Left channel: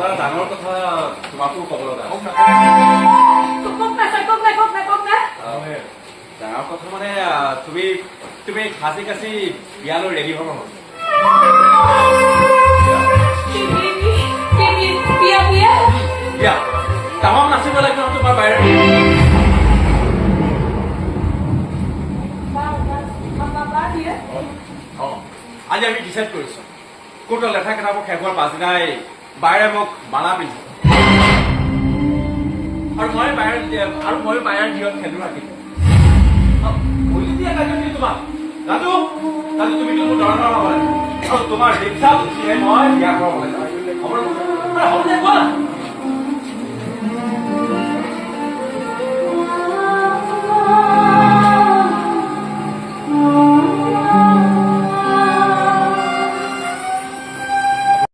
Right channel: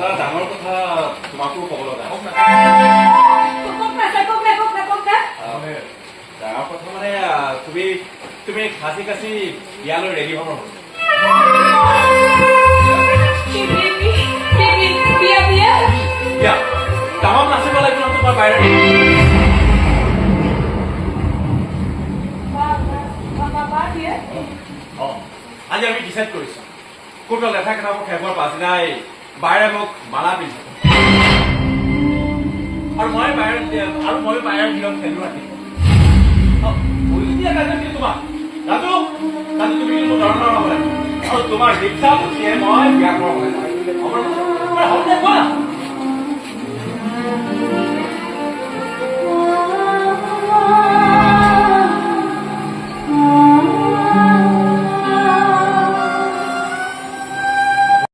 এটা ডাঙৰ কথা তোমাকো ক'ব লগা ডাঙৰ কথা মানে তুমি খাচি কাচি বিয়ালৈ ৰেডি হ'ব হ'ল বিয়া তামাম নাচিব লাগিব তোমাৰ বাহিৰত আজি আমি ডিচাইড কৰিছো কোনটো লেখা কেইটাবোৰ শেষ হোৱাৰ পাছদিনাই বাইৰে মোক মালা পিন্ধিব আৰু মই বাহিৰত নিয়ম খেলো ৰাখিম তোমাক ৰাজু তুমি কিন্তু ধৰণৰ নহয় আৰু তোমাৰ দীক্ষা মই বিয়া কৰাব লাগিব হ'ব কোৱা